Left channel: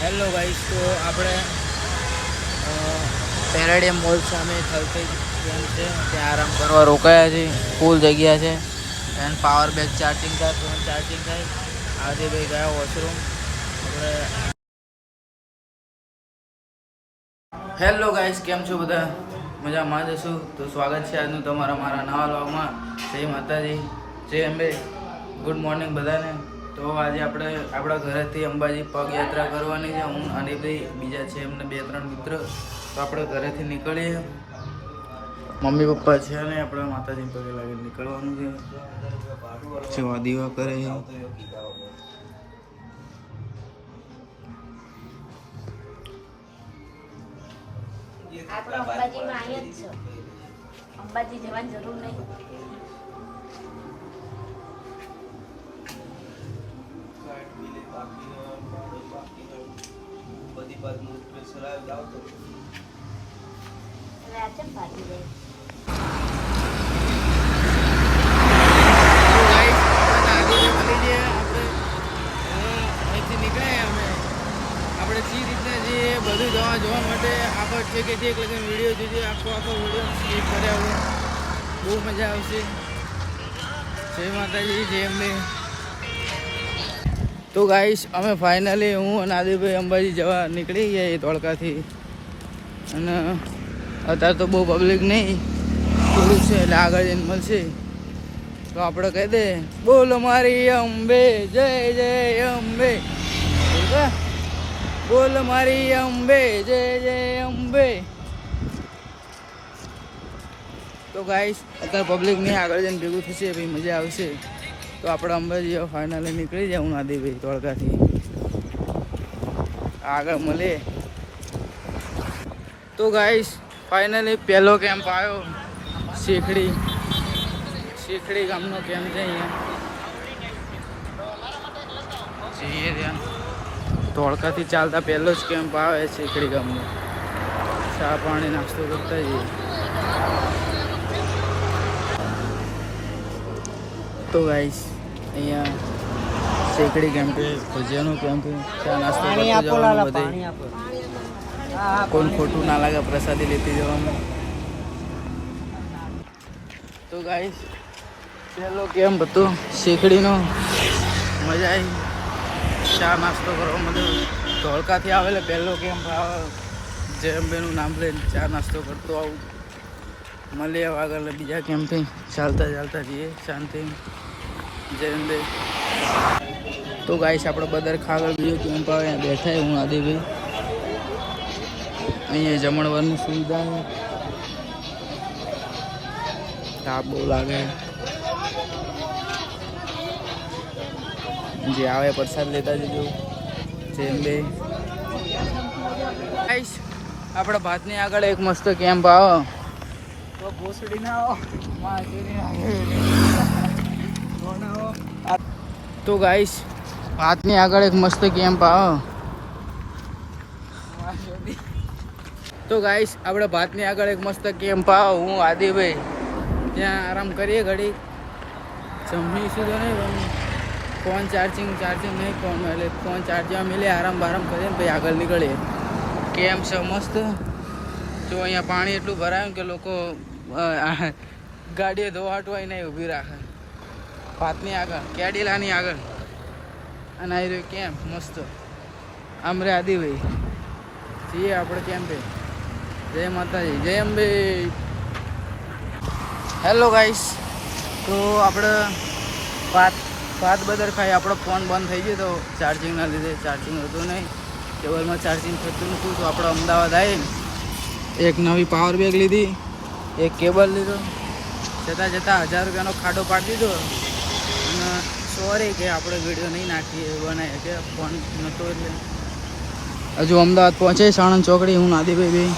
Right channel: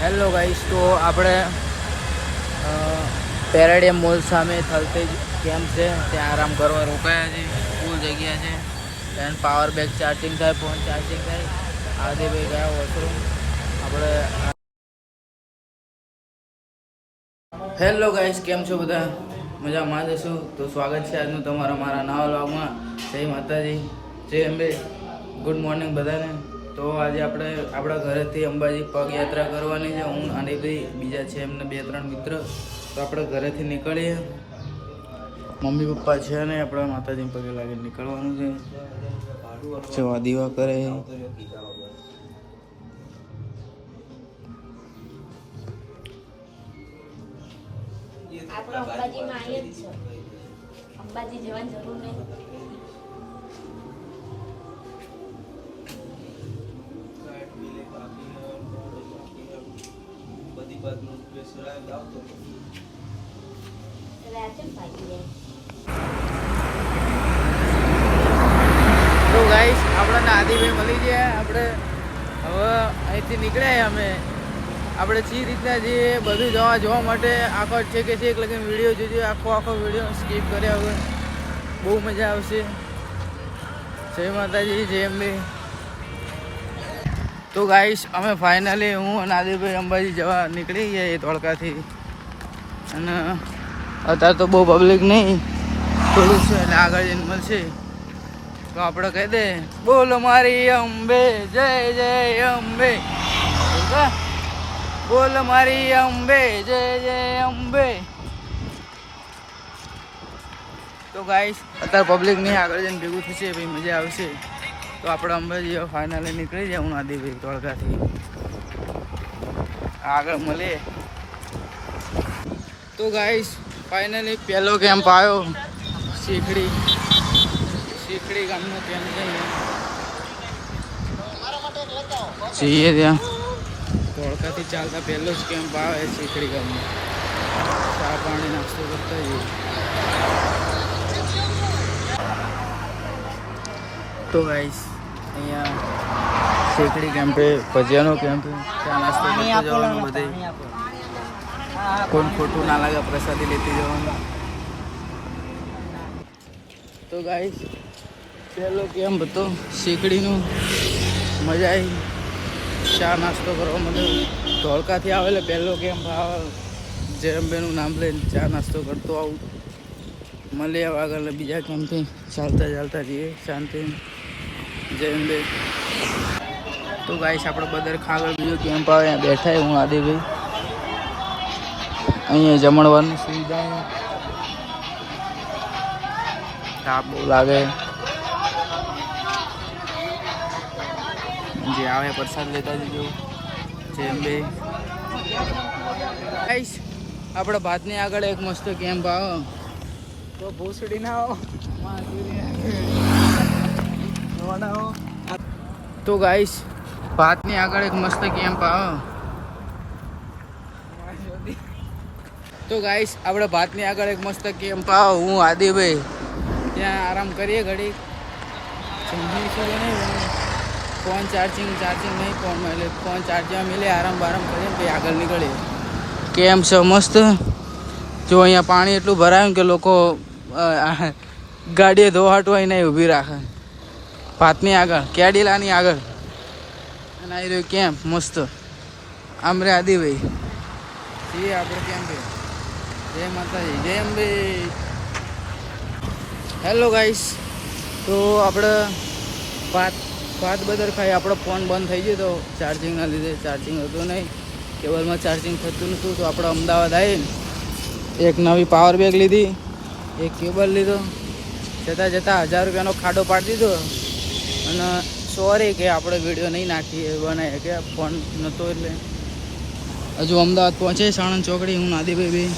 Hello guys તો આપણે પેરાડિયમ સામે થલતેજ કેમ્પ છે. ત્યાં આરામ કરવા રોકાયા છે. ફૂલ જગ્યા છે. એન્ડ પાવર બેક ચાર્જિંગ થાય ફોન ચાર્જિંગ થાય. આદિભાઈ ગયા વોશરૂમ આપણે હેલો ગાઈસ કેમ છો બધા? મજામાં જશું તો સ્વાગત છે આજનું તમારા મારા નવા વ્લોગમાં જય માતાજી. જય અંબે. ગુડ મોર્નિંગ બધાને. તો આજે આપણે આપણા ઘરેથી અંબાજી પગયાત્રા કરવાની છે. હું અને ભાઈ બીજા છે એમને બે, ત્રણ મિત્ર. તો આપણે ઘરેથી નીકળીએ. મમ્મી, પપ્પા છે ને આપણે માતાજી પગે લાગે નીકળવાનું છે. સેવા દીવા કરે. જ અંબાજી જવાની જરૂર નહીં. તો ગાઈસ આપણે નાદીભાઈ મળી ગયા. આપણે હવે અહીંથી નીકળ્યા અમે. આપણે જે રીતના જે બધું જવા જોવા માટે આખો છે કે એક લગન વીડિયો જોજો આખો આખો વીડિયો સ્કીપ કર્યા વગર બહુ મજા આવશે. જય માતાજી જય અંબે. તો ગાઈસ અમે ફાઇનલી હું અને આદિભાઈ અંબાજી જવા નીકળી ગયા ધોળકાથી અને અત્યારે તો બહુ પબ્લિક નહીં, થોડું છે એટલે આગળ જઈને મળશે. તો આપણે કહી દે, બોલ મારી અંબે, જય જય, અંબે. બોલ મારી અંબે, જય જય, અંબે. તો ગાઈસ અત્યારે પબ્લિક નહીં, આગળ જઈને ભેગું થશે ભાઈ મજા આવશે. તો આપણે અંબાજી ફાઇનલી નીકળી જવું નાદીભાઈ ધોળકાથી આગળ મળીએ. તો ગાઈશ ફાઇનલી પહેલો કેમ્પ આવ્યો. શીખડી. શીખડી ગામનો કેમ્પ છે અહીંયા. જઈએ ત્યાં. ધોળકાથી ચાલતા પહેલો જ કેમ્પ આવે શીખડી ગામનો. ચા પાણી નાસ્તો કરતા જઈએ. તો ગાઈસ અહીંયા શીખડી કેમ્પે ભજીયાનો કેમ્પ ચા નાસ્તો કરતો જવાનું બધે. કોણ ખોટું ના લાગે પ્રસાદી લેતી જવાનું. તો ગાઈસ પહેલો કેમ હતો? શીખડીનો મજા આવી. ચા નાસ્તો કરવા મળ્યો ધોળકાથી આવેલો પહેલો કેમ્પ જયંબેનું નામ લઈને ચા નાસ્તો કરતો આવું. મળીએ આગળ બીજા કેમ્પથી ચાલતા ચાલતા જઈએ શાંતિ જયંબે તો ગાઈસ આપણે બદર ખાગળ બીજો કેમ્પ આવે બેઠા હું આદિભાઈ અહીંયા જમણવારની સુવિધા તાપ બહુ લાગે. જે આવે પ્રસાદ લેતા જજો. બે ગાઈસ આપણા ભાતની આગળ એક મસ્ત કેમ્પ આવો. તો ભોસડી ના આવો. તો ગાઈસ ભાતની આગળ એક મસ્ત કેમ્પ આવો. તો ગાઈસ આપણે ભાતની આગળ એક મસ્ત કેમ્પ આવો. હું, આદિભાઈ. ત્યાં આરામ કરીએ ઘડી જમી તો નહીં ફોન ચાર્જિંગ ચાર્જિંગ નહીં ફોન એટલે ફોન ચાર્જવા મિલે, આરામ બારામ કરીએ પછી આગળ નીકળીએ. કેમ છે? મસ્ત? જો અહીંયા પાણી એટલું ભરાયું કે લોકો ગાડીએ ધોવાટવાય નહીં, ઊભી રાખે. ભાતની આગળ, કેડીલાની આગળ. અને એ રહ્યું કેમ્પ મસ્ત. આમરે આદિભાઈ. જઈએ આપણે કેમ્પે જય માતાજી, જય અંબે હેલો ગાઈસ તો આપણે ભાત ભાત બદર ખાઈ, આપણો ફોન બંધ થઈ ગયો તો ચાર્જિંગના લીધે ચાર્જિંગ હતું નહીં. કેબલમાં ચાર્જિંગ થતું નહોતું, તો આપણે અમદાવાદ આવીને એક નવી પાવર બેગ લીધી, એક કેબલ લીધો. જતાં જતાં હજાર રૂપિયાનો ખાડો પાડી દીધો. અને સોરી કે આપણે વીડિયો નહીં નાખીએ બનાવીએ કે ફોન નહોતો એટલે. હજુ અમદાવાદ પહોંચે સાણંદ ચોકડી, હું નાદીભાઈ બી.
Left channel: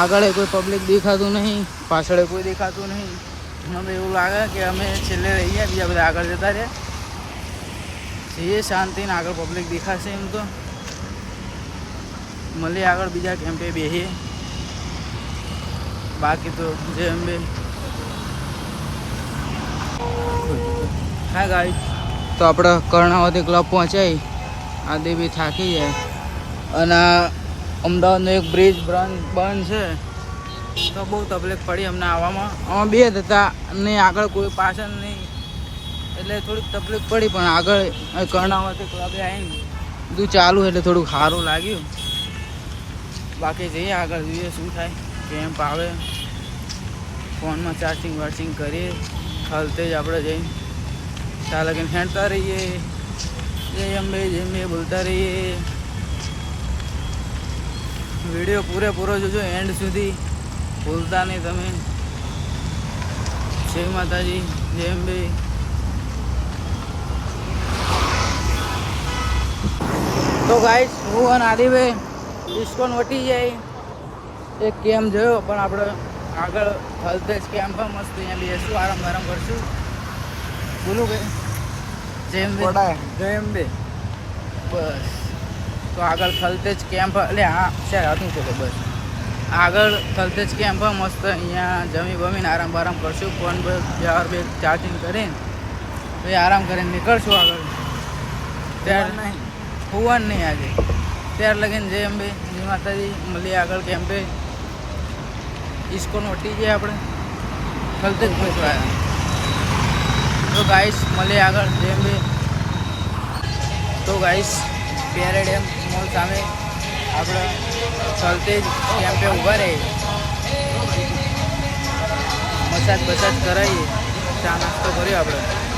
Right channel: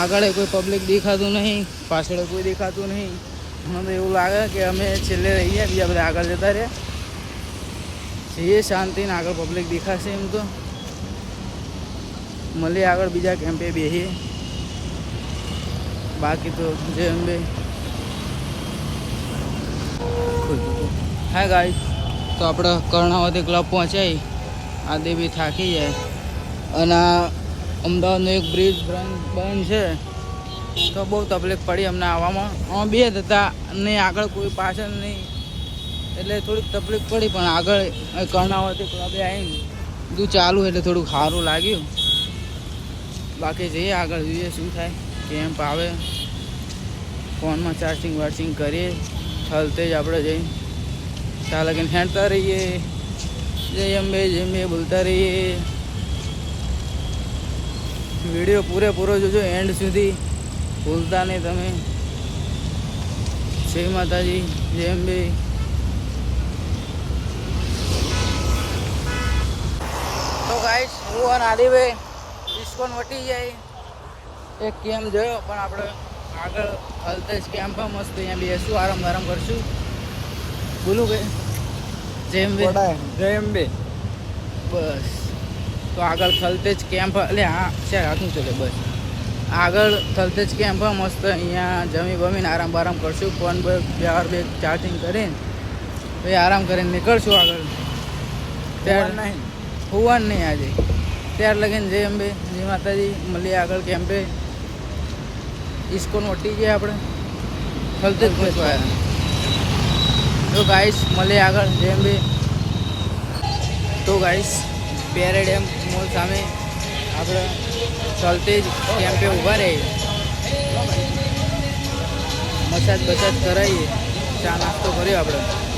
આગળ કોઈ પબ્લિક દેખાતું નહીં, પાછળ કોઈ દેખાતું નહીં. અમે એવું લાગે કે અમે છેલ્લે રહીએ, બીજા બધા આગળ જતા રહ્યા. એ શાંતિ ને આગળ પબ્લિક દેખાશે એમ તો. મળીએ આગળ બીજા કેમ્પે બેસીએ બાકી તો જે અંબે. હા ગાડી તો આપણે કર્ણાવતી ક્લબ પહોંચાઈ. આ દેવી થાકી જાય. અને અમદાવાદનો એક બ્રિજ બંધ છે. તો બહુ તકલીફ પડી અમને આવવામાં. આમાં બે જ હતા. નહીં આગળ કોઈ પાછળ નહીં. એટલે થોડીક તકલીફ પડી, પણ આગળ કર્ણાવતી ક્લબે આવીને બધું ચાલુ એટલે થોડુંક સારું લાગ્યું. બાકી જઈએ આગળ. જોઈએ શું થાય. કેમ્પ આવે. ફોનમાં ચાર્જિંગ વાર્જિંગ કરીએ. હલતે જ આપણે જઈ. ચાલ લગીને હેંડતા રહીએ. જય અંબે જય અંબે બોલતા રહીએ. વીડિયો પૂરેપૂરો જોજો એન્ડ સુધી. ભૂલતા નહીં તમે. જય માતાજી જય અંબે. તો ગાઈસ હું અને આદિભાઈ ડિસ્કોન વટી જાય. એક કેમ જોયો પણ આપણે આગળ હલતેજ કેમ્પમાં મસ્ત અહીંયા બેસું આરામ આરામ કરશું. બોલું કે જેમ બે જેમ બે બસ. તો આગળ થલતેજ કેમ્પ એટલે હા છે હાથું છે બસ. આગળ થલતેજ કેમ્પ મસ્ત અહીંયા જમી બમીને આરામ બારામ કરશું. ફોન પર ચાર બે ચાર્જિંગ કરીને. પછી આરામ કરીને નીકળશું આગળ. ત્યાર નહીં. હોવાનું નહીં આજે. ત્યાર લગીને જય અંબે જય માતાજી મળીએ આગળ કેમ્પે. ઇસ્કોન વટી ગયા આપણે થલતેજ આવ્યા તો ગાઈસ મળે આગળ જેમ બી તો ગાઈસ પેરેડ એમ મોલ સામે આપણે ચલતે જ કેમ્પે ઊભા રહીએ મસાજ બસાજ કરાવીએ ચા નાસ્તો કર્યો આપણે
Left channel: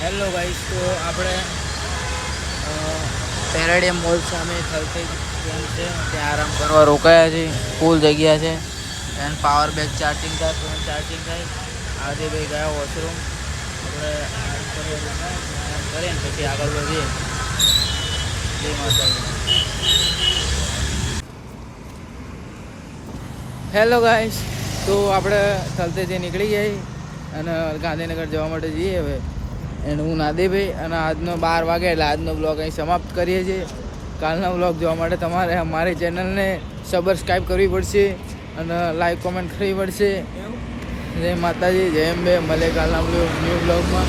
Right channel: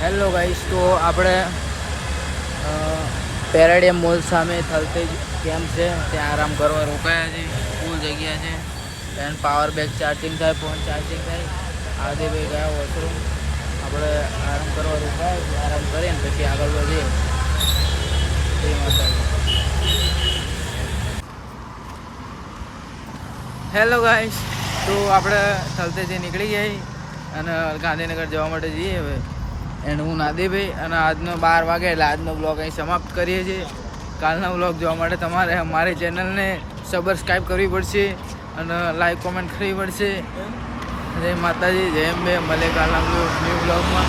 હેલો ગાઈસ તો આપણે પેરાડિયમ સામે થલતે જ કેમ્પ છે. ત્યાં આરામ કરવા રોકાયા છે. ફૂલ જગ્યા છે. એન્ડ પાવર બેગ ચાર્જિંગ થાય ફોન ચાર્જિંગ થાય. આદિભાઈ ગયા વોશરૂમ આપણે આરામ કરવા રોકાયા છે. આરામ કરીએ ને પછી આગળ વધીએ. જય માતાજી. હેલો ગાઈસ તો આપણે થલતેથી નીકળી જઈએ અને ગાંધીનગર જવા માટે જઈએ હવે. એન્ડ હું નાદેભાઈ અને આજનો બાર વાગે, એટલે આજનો બ્લોગ અહીં સમાપ્ત કરીએ છીએ. કાલનો બ્લોગ જોવા માટે તમારે અમારી ચેનલને સબસ્ક્રાઈબ કરવી પડશે અને લાઈક કોમેન્ટ કરવી પડશે. જય માતાજી, જય અંબે. મળે કાલના ન્યૂ બ્લોગમાં